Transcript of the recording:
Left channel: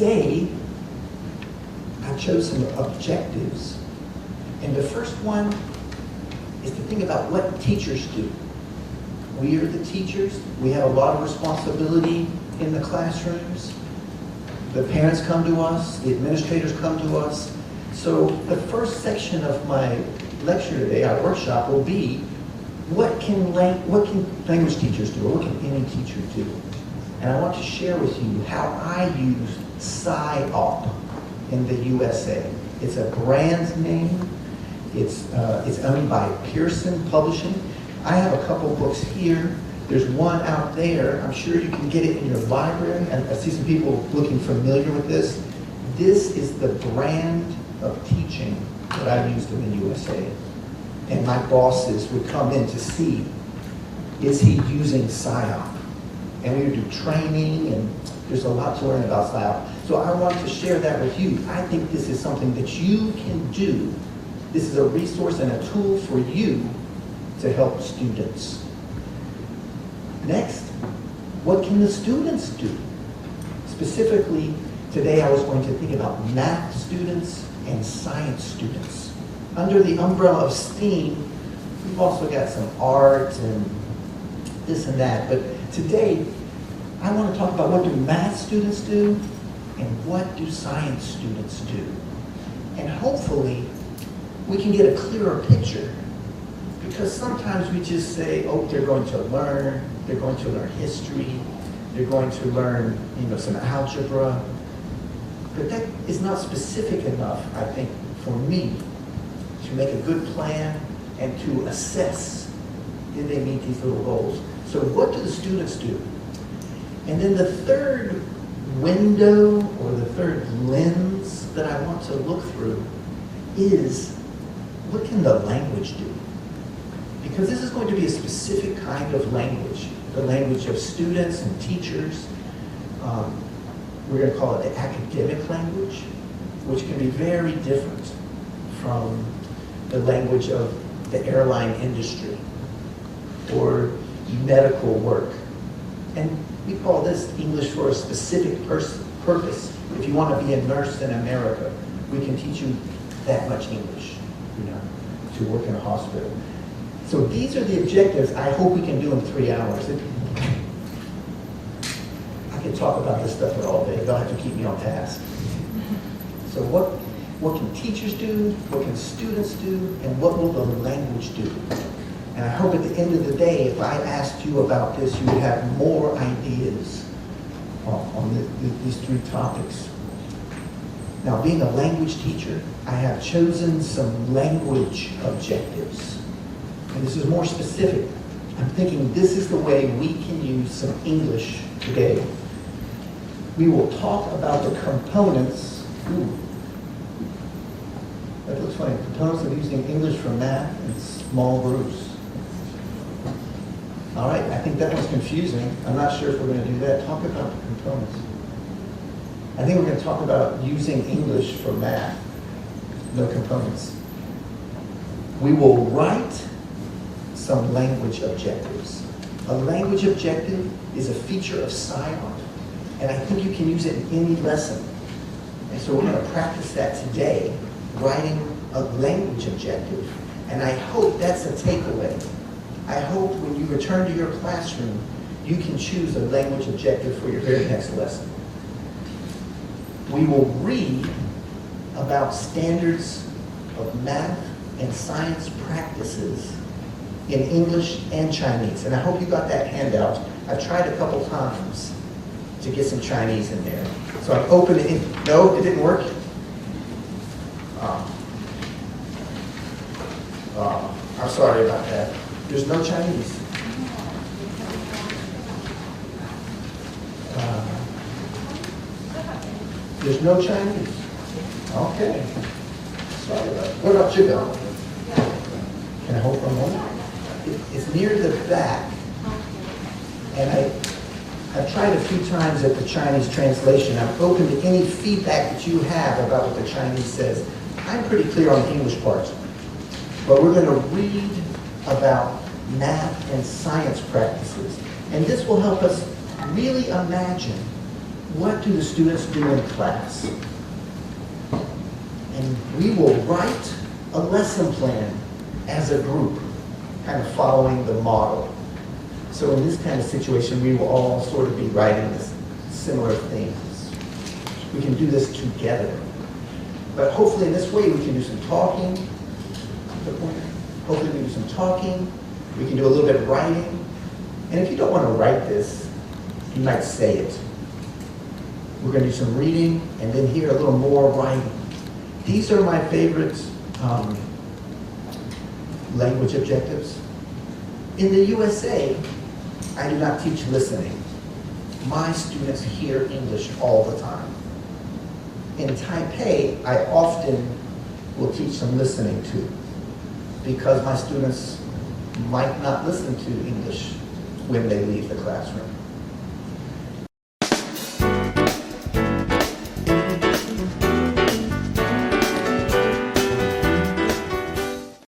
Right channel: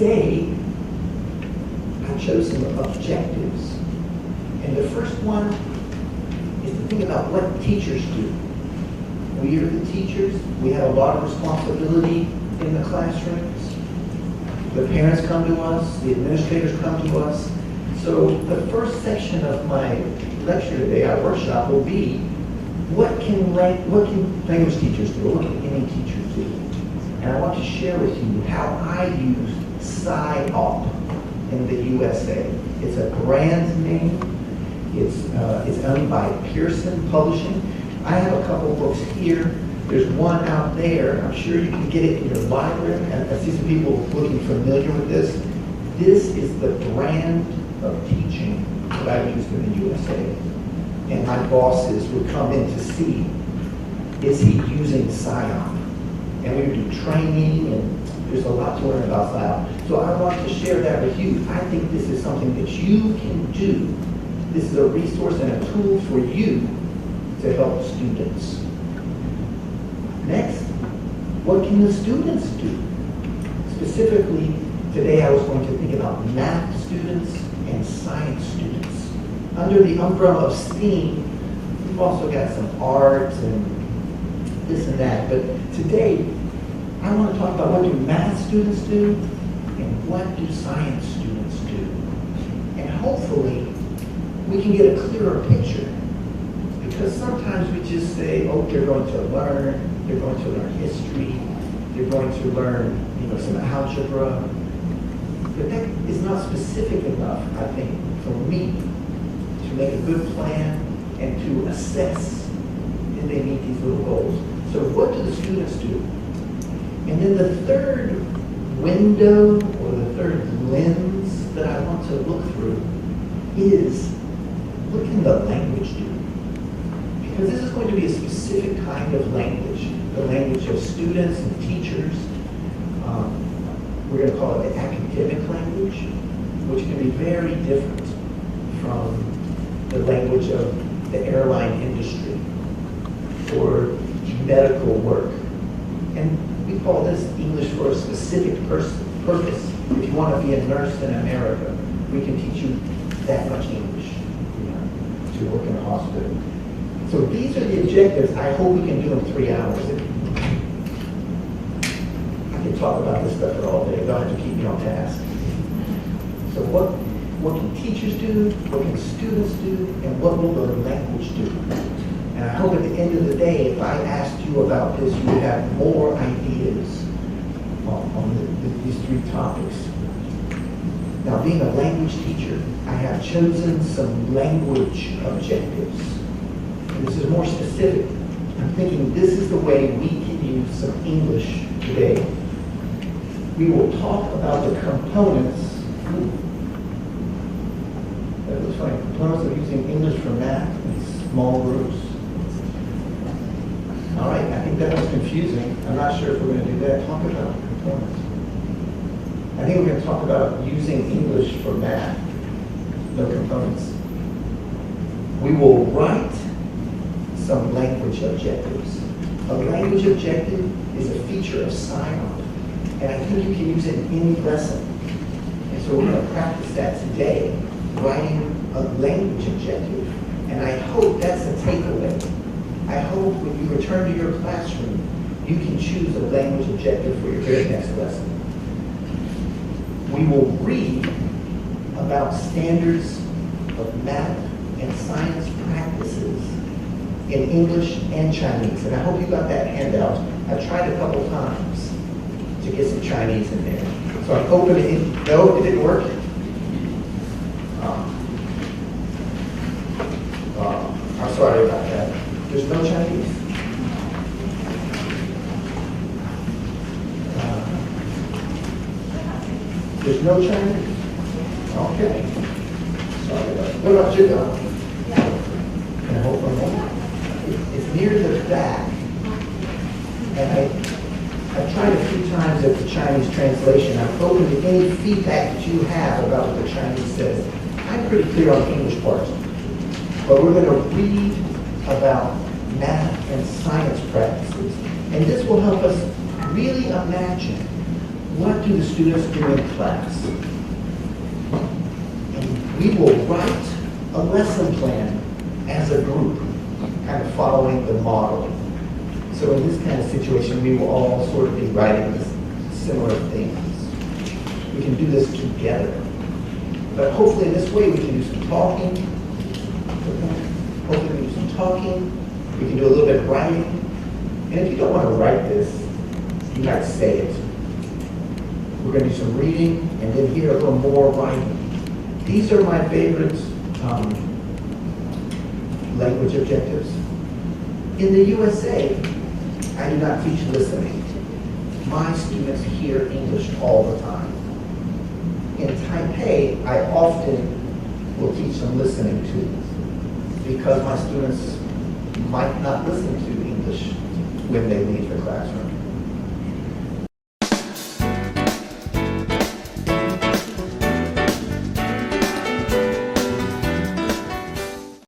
today, I chose some objectives. And the first one is to think about what teachers do. We are the teachers. We have a lot of responsibility in the classrooms. The parents come to us. The administrators come to us. So the first section of my lecture today, our workshop, will be what can language teachers do, or what can any teacher do? And I want to share with you how I use SIOP in the USA. It's a brand name. It's owned by Pearson Publishing. I have a couple books here. There's one out there. I'm sure you can get it in your library. I see some people looking familiar with this. This is the brand of teaching that I used in the USA. And my bosses would come in to see, is he using SIOP? And we would do training, and there's a lot to learn about SIOP. So I want to share that with you. I think this is something that you can do. This is a resource and a tool for you to help students. Next, what can the students do? Specifically, today I was going to think about math students and science students. Under the umbrella of STEAM, we've also got some art and this and that. But today, I want to talk about what do math students do and what do science students do. And hopefully, we can get a clearer picture. Because sometimes we just say, oh, they're going to learn history, they're going to learn, some algebra. But that is not specific enough, I think, for me to make a good plan and to assess, did they meet these little goals? So what do the students do? And then the third window or the third lens that I want to look through is, what can the language do? Because this is going to be a specific kind of language, the language of students and teachers. We're going to call it the academic language, which can be very different from the language of the airline industry or medical work. And we call this English for a specific purpose. If you want to be a nurse in America, we can teach you that much English, to work in a hospital. So these are the objectives I hope we can do in 3 hours. I can talk about this stuff for all day. You'll have to keep me on task. So what can teachers do? What can students do? And what will the language do? And I hope at the end of the day, if I asked you about this, you would have more ideas on these 3 topics. Now, being a language teacher, I have chosen some language objectives. And this is more specific. I'm thinking this is the way we can use some English today. We will talk about the components. That looks funny. Components of using English for math in small groups. All right, I think that was confusing. I'm not sure if we're going to do that. Talk about components. I think we're going to talk about using English for math. No components. We will write some language objectives. A language objective is a feature of SIOP, and I think you can use it in any lesson. And so we're going to practice that today, writing a language objective. And I hope that's a takeaway. I hope when you return to your classroom, you can choose a language objective for your very next lesson. We will read about standards of math and science practices in English and Chinese. And I hope you got that handout. I've tried a couple times to get some Chinese in there. So I opened it. No, it didn't work. I'm sorry about that. There's no Chinese. There's no Chinese. Okay. Sorry about that. What about you, though? Can I hold for a moment? It's near the back. And I've tried a few times at the Chinese translation. I'm open to any feedback that you have about what the Chinese says. I'm pretty clear on the English part. But we're going to read about math and science practices. And this will help us really imagine what do the students do in class? And we will write a lesson plan as a group, kind of following the model. So in this kind of situation, we will all sort of be writing similar things. We can do this together. But hopefully in this way we can do some talking. Hopefully we can do some talking. We can do a little bit of writing. And if you don't want to write this, you might say it. We're going to do some reading and then here a little more writing. These are my favorite language objectives. In the USA, I do not teach listening. My students hear English all the time. In Taipei, I often will teach them listening too, because my students might not listen to English when they leave the classroom.